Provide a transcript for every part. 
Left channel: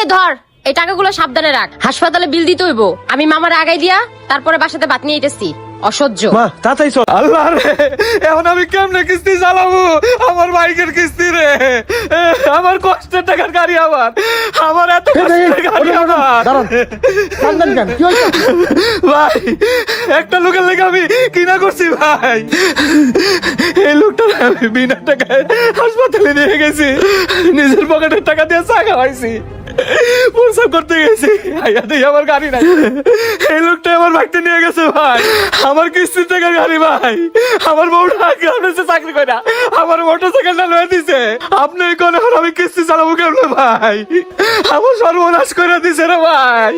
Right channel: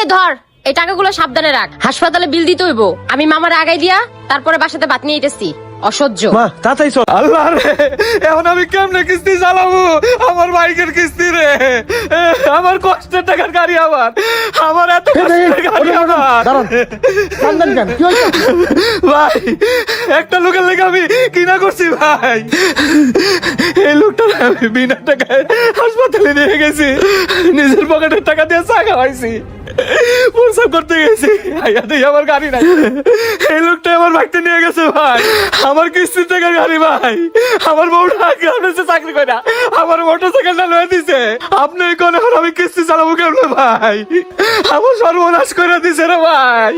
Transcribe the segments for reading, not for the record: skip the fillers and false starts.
নে ধর, এই টাকাগুলো সাবধানে রাখ, হাসপাতালে বিল দিতে হইব। আমি মামার আগাই দিয়া তারপরে বাসাতে ভাত নিয়ে আইতেছি। অসহ্য। আল্লাহ রে, এখন আমি কেমনে কিস্তি চালাবো? আমার বাইকের কিস্তি রে, আমার কষ্টের টাকার গাড়ি, আমার এত কষ্টের গাড়ি আমার। ভাই, একটা লোকের লেগে আমি কিনা করছি ভাই। এই লোকটা আমি বিনা টাকায় হাসপাতালে নিয়ে গেছি, নিজের পকেটের টাকা দিয়ে চাই খাইছি, প্রসাব করতে গেছি, আমার গাড়ি নাই। এই লোকটা আমার বাইকটা নিয়ে গেছে ভাই, আমার কিস্তির টাকা গাড়ি ভাই। আমার বউটা চাকরি করে না, আমার মোটর সাইকেল চালিয়ে দিছে। আপনি কোন আমি কিস্তি চালাবো কেমন ভাই? আমার সর্বনাশ করে দিছে রে ভাই।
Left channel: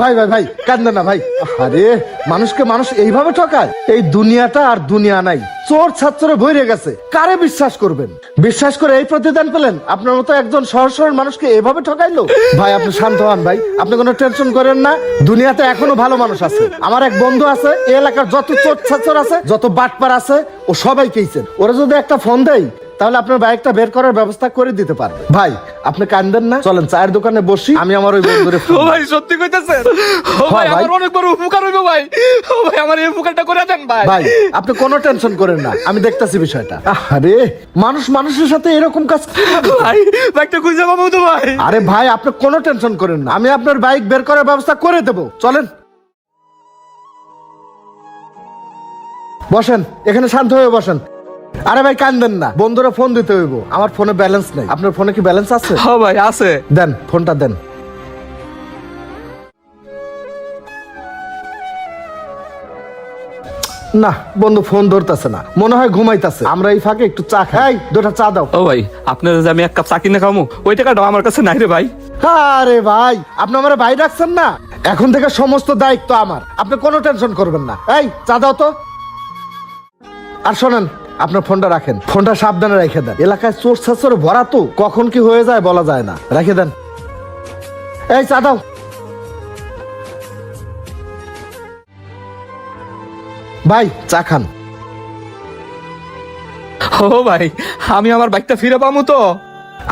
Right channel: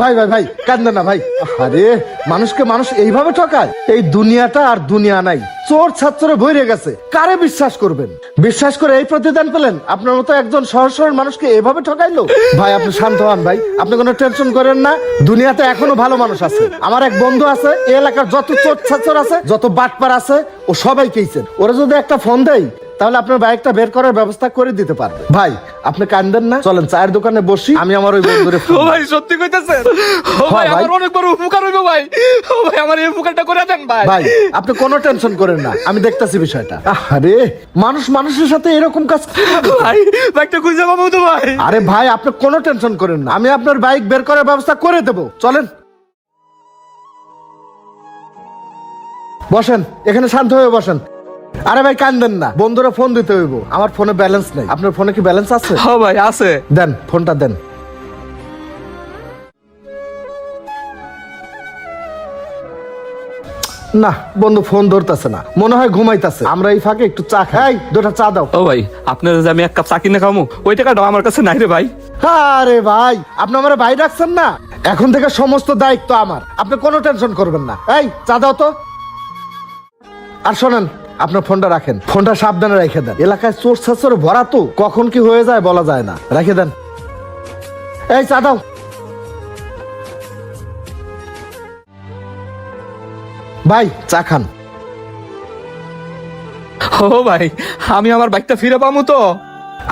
ভাই ভাই ভাই কাঁদেন না ভাই। আরে মানুষকে মানুষ এইভাবে ঠকায়? এই দুনিয়াটা আর দুনিয়া নাই, চোর ছাত্রে ভরে গেছে। কারে বিশ্বাস করবেন? বিশ্বাস করে এই প্রতিদান পেলেন? আপনার মতো একজন সহজ সরল মানুষকে এভাবে ঠকাইলো? ভাই আপনি শান্ত হন ভাই, আপনি কোনো টেনশন করেন না। দুনিয়াতে এখনো ভালো মানুষ আছে। আমার এক বন্ধু আছে, এই এলাকার যত চোর ছাত্র আছে, যত বাটপার আছে, ও সবাইকেইছেন। ওরা যদি একটা ফোন দেয় তাহলে আপনার বাইকটা বের করার ব্যবস্থা করে দিতে পারবে। ভাই আপনি কাঁদেন না, চলেন চায়ের দোকানে বসি, আমি আমার ওই বন্ধুরে ও ভাই সত্যি কইতাছেন? ভাই আমার অনেক বড় উপকার হইলো ভাই। ও ভাই আমার এই উপকারটা করে দেন ভাই। ভাই আপনি কোনো টেনশন করেন না, আমি দেখতাছি বিষয়টা। আরে মানুষ মানুষের সাথে এরকম কাজ করে ভাই? বাইকটা খুঁজে পাবো তো ভাই? আরে ভাই আপনি কোনো টেনশন করেন না, আমি আপনার বাইক বের করার ব্যবস্থা করে দেবো। চলেন বসেন, এখানে শান্ত হয়ে বসেন। আরে ভাই কাঁদেন না, বন্ধুরা ফোন দিতে হইব। আমার ফোনে ব্যালেন্স নেই। আপনার ফোনে কি ব্যালেন্স আছে? হ্যাঁ ভাই আছে। দেন ফোনটা দেন। না বন্ধু ফোন ধরতেছে না, মনে হয় ঘুমাইতেছে। আমরা এই ফাঁকে একটু চা খাই, দুটা চা দাও। ও ভাই আপনার যে আমি এক কাপ চা কিনে খাবো, ওই টাকাটা আমার কাছে নাই রে ভাই। আরে ভাই আপনি আমার ভাই রাখছেন না, এখন থেকে সমস্ত দায়িত্ব আমার, আপনি কোনো টেনশন করবেন না। এই চা দাও তো। আর শোনেন, আপনার ফোনটা রাখেন, ফোনটা সাবধানে রেখে দেন। এলাকায় চোর ছাচরে ভরা তো, কখন কি হয়ে যায় বলা যায় না। রেখে দেন। এই চা দাও। ভাই চা খান। ও ভাই আমি আমার বাইকটা ফিরে পাবো তো?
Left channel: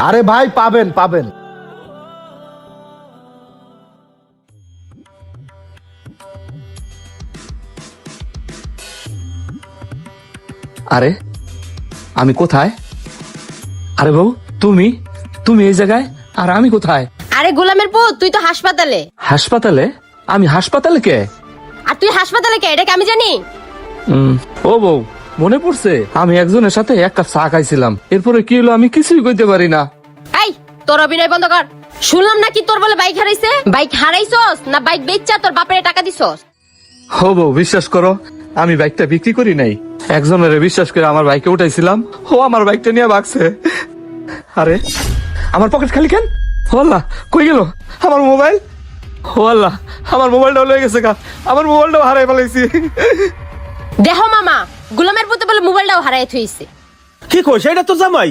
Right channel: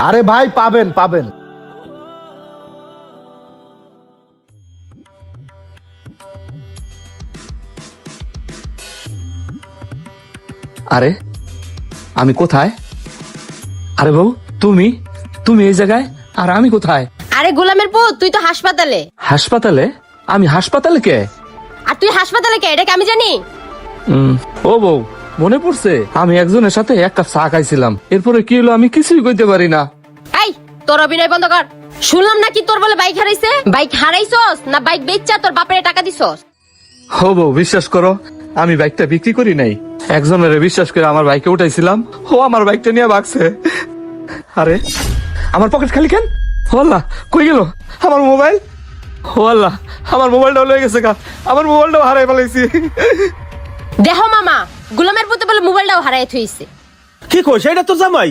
আরে ভাই পাবেন পাবেন। আরে আমি কোথায়? আরে বউ তুমি তুমি এই জায়গায়, আর আমি কোথায়? আরে গোলামের পুত, তুই তো হাসপাতালে। হাসপাতালে? আমি হাসপাতালে কে? আর তুই হাসপাতালে কে, এটা কি আমি জানি? ও বউ মনে পড়ছে, আমি একজনের সাথে একটা চা খাইছিলাম, এরপরে কি হলো আমি কিছুই কইতে পারি না। এই তোর অভিনয় বন্ধ কর। শুনলাম নাকি তোর বলে বাইক হারাইছে। বাইক হারাইছস না বাইক বেচছা তোর বাপের টাকা দিছস? ও বউ বিশ্বাস করো, আমি বাইকটা বিক্রি করি নাই, একজনের বিশ্বাস করে আমার বাইকে উঠাইছিলাম, ও আমার বাইকটা নিয়ে ভাগছে। আরে আমার পকেট খালি কেন? আল্লাহ কই গেল আমার মোবাইল? আল্লাহ আমার মোবাইলটা লয়ে গেছে কা, আমার মোবাইলটাও হারাই ফেলাইছি। দেখো মামা, গোলামের পুতে বলে মোবাইলটাও হারাই থইছে। কি কই সেটা তো জামাই?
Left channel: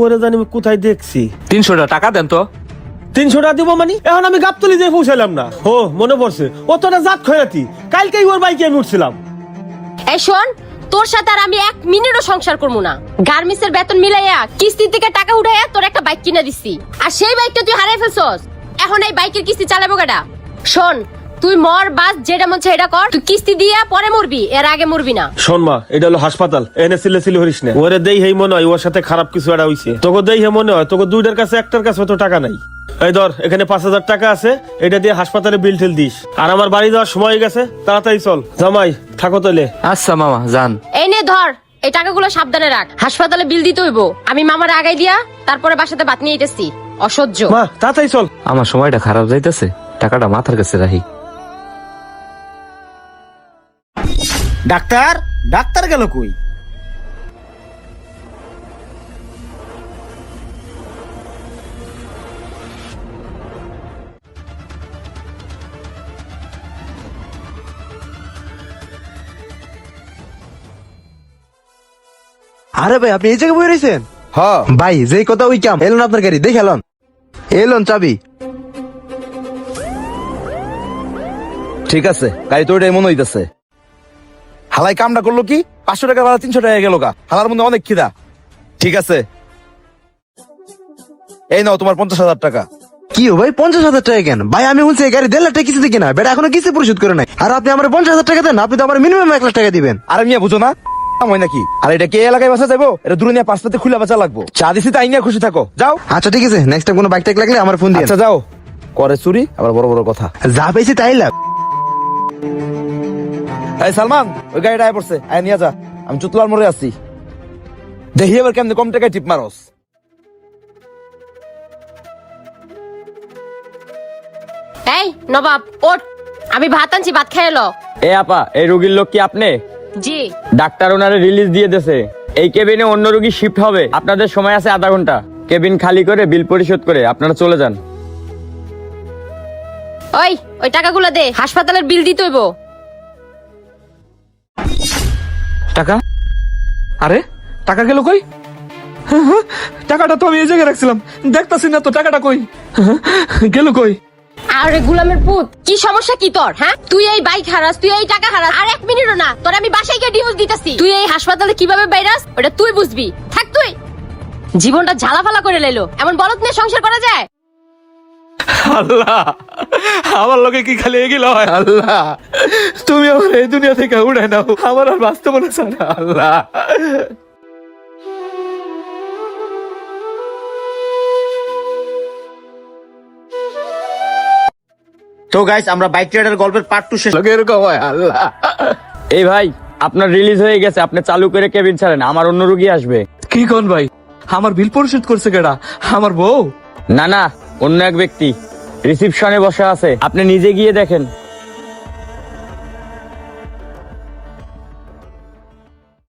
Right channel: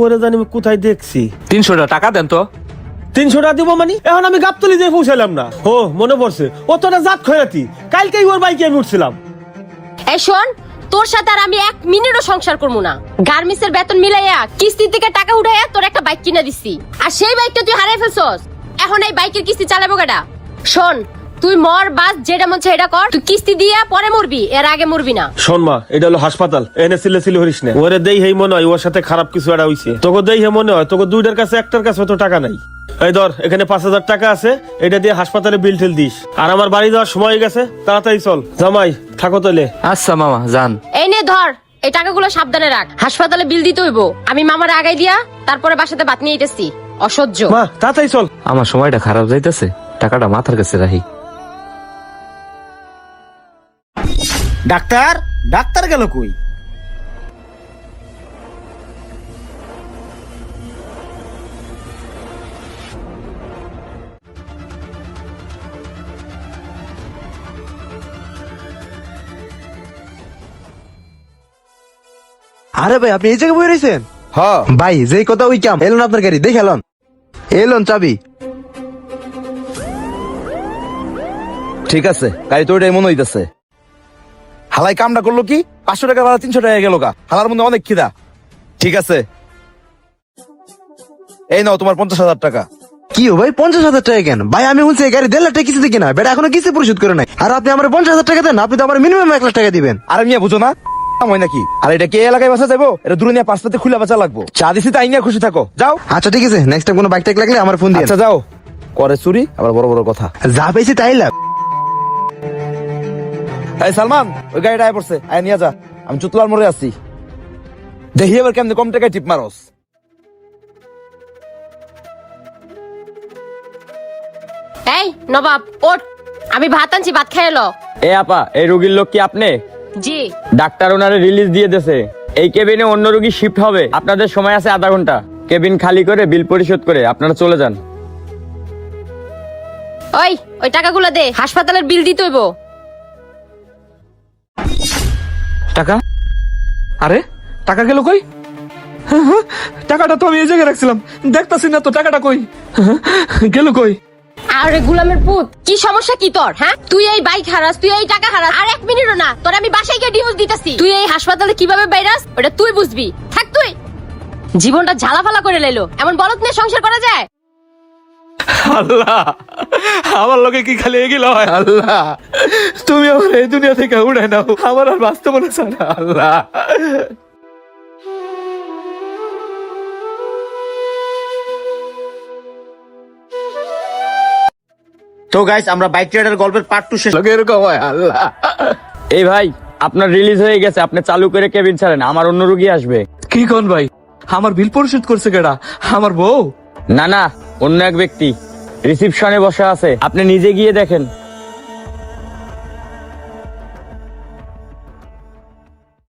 ওরে জানি আমি কোথায় দেখছি। 300 টাকা দেন তো। 300 টাকা দিব মানে? এখন আমি গাবতলি যে পৌঁছালাম না। ও মনে পড়ছে, ও তো না জাত খয়াতি, কালকেই ওর বাইকে আমি উঠছিলাম। এই শোন, তোর সাথে আর আমি এক মিনিটও সংসার করবো না। গার্মেন্টসের বেতন মিলাইয়া কিস্তি থেকে টাকা উঠাইয়া তোর একটা বাইক কিনে দিছি, আর সেই বাইকটা তুই হারাই ফেলছস। এখন এই বাইকের কিস্তি চালাবো কেডা? শোন, তুই মর বাস যেটা মন এটা কর, তুই কিস্তি দিয়া পরে মরবি, এর আগে মরবি না। শোন মা, এটা হলো হাসপাতাল, এনে সিলে সিলে হরিস না। ওরে দেই হেই মনে হয় ওর সাথে খারাপ কিছু একটা হইছে। তোকে দেই হে মনে হয়, তোকে দুইটার কাছে একটার কাছে তো টাকা নাই। এই ধর এখানে 5000 টাকা আছে, এটা দিয়ে হাসপাতালে বিল ঠেল দিস। আর আমার বাড়ি যাওয়ার সময় হয়ে গেছে, তাড়াতাড়ি চল। জামাই থাকো তাহলে। আচ্ছা মামা যান। এই নে ধর, এই টাকাগুলো সাবধানে রাখ, হাসপাতালে বিল দিতে হইব। আমি মামার আগাই দিয়া তারপরে বাসাতে ভাত নিয়ে আইতেছি। অসহ্য। মা তাড়াতাড়ি চল। আমার সময়টা খারাপ যাইতেছে, টাকাটা মাথার কাছে রাখি। ডাক্তার ডাক্তার গেল কই? আরে ভাই আপনি এই জায়গায় বই রয়েছেন? হ্যাঁ ভাই যেই কথা ওই কাম এলেন আপনার গাড়ি দেখে এলাম। এলন চাবি। ঠিক আছে, গাড়ি তো ওটাই মনে হইতেছে। হালাই কামটা করলো কি? 500 টাকা ভাড়া 300 টাকা গেল গা। হালার মধ্যে অনেক খিদা। ঠিক আছে, এই নাও তোমার 50,000 টাকা। কি ও ভাই 50,000 টাকা কেন ভাই? আমি বলছি এই গাড়ি 1.5 লাখ টাকা কিস্তিতে কেনা, বেটা এখনো কিস্তি পরিশোধ করে নাই। আর আপনি আমার 50,000 টাকা দেন, আপনি তো আমার মিনিমাম 1 লাখ টাকা দিবেন। আরে মিয়া বুঝো না হয় নাকি? আর এটা কে এলাকায় বাসা যাবো? এটা দূরে নিয়ে পাসপোর্টে খুলে বাঁচা লাগবো। চা দিছি তাই নিয়ে খুশি থাকো, যাও। আচ্ছা ঠিক আছে, নেক্সট টাইম কোনো বাইক টাইক লাগলে আমার ফোন দিও। আচ্ছা যাও। করে চুরি আবার বড় বড় কথা, যা পেয়েছে তাই লাভ। এই সালমান, ওই গাড়িটা আয় পড়ছে, আয় নিয়ে যা। আমি চুতলার মোড়ে আছি, দেখি এবার কেমনে কম টাকায় টিপ মারস। এই নবাব ওঠ, আমি ভাত আনছি, ভাত খেয়ে এলো। এ আপা, এই রোগীর লোক কি আপনি? জি। ডাক্তার ওনারে রিলিজ দিয়ে দিয়েছে, এই কেবিনে অন্য রোগী শিফট হবে। আপনাদের সময় আছে আধা ঘন্টা, কেবিন খালি করে বিল পরিশোধ করে আপনারা চলে যান। ওই টাকাগুলো দে, হাসপাতালের বিল দিতে হইব। টাকা? আরে টাকা গেল কই? টাকাটা তো আমি এই জায়গায় রাখছিলাম, দেখতেছি না তো টাকাটা কই গেল কই? আরে গোলামের পুত, কি সমস্যা কি তোর? হ্যাঁ, তুই এই বাইক হারাস, তুই এই টাকা হারাস, আর এক মিনিটও না তোর আমি বাসায় গিয়ে ডিভোর্স দিতেছি। তুই এই হাসপাতালে কিভাবে বাইরাস ওটা তুই বুঝবি। থাক তুই, জীবনটা ঝালাফালা করে লাইলো। এমন বলত নিয়ে সংসার করা যায়? আল্লাহ, আমার লোকে কি খালি এগিয়ে হয়? আল্লাহ, তুমি আমার এই দুনিয়া থেকে উড়াই নাও, আমার আর বাঁচতে বলেছ আল্লাহ। তো গাইস, আমরা বাইক রাইডার গল্পের পার্ট তো শেষ। এরকম হয় আল্লাহ। এই ভাই, আপনার রিলিজ হয়ে গেছে, আপনি চালু করে কেবিন ছাড়েন, আমার অন্য রোগী আসবে। কি কোন ভাই? আমার বিল পরিশোধ করছে কেডা? আমার বউ? না না, অন্য এক ব্যক্তি রিসিপশনে বসে আছে, আপনি নিজে গিয়ে দেখেন।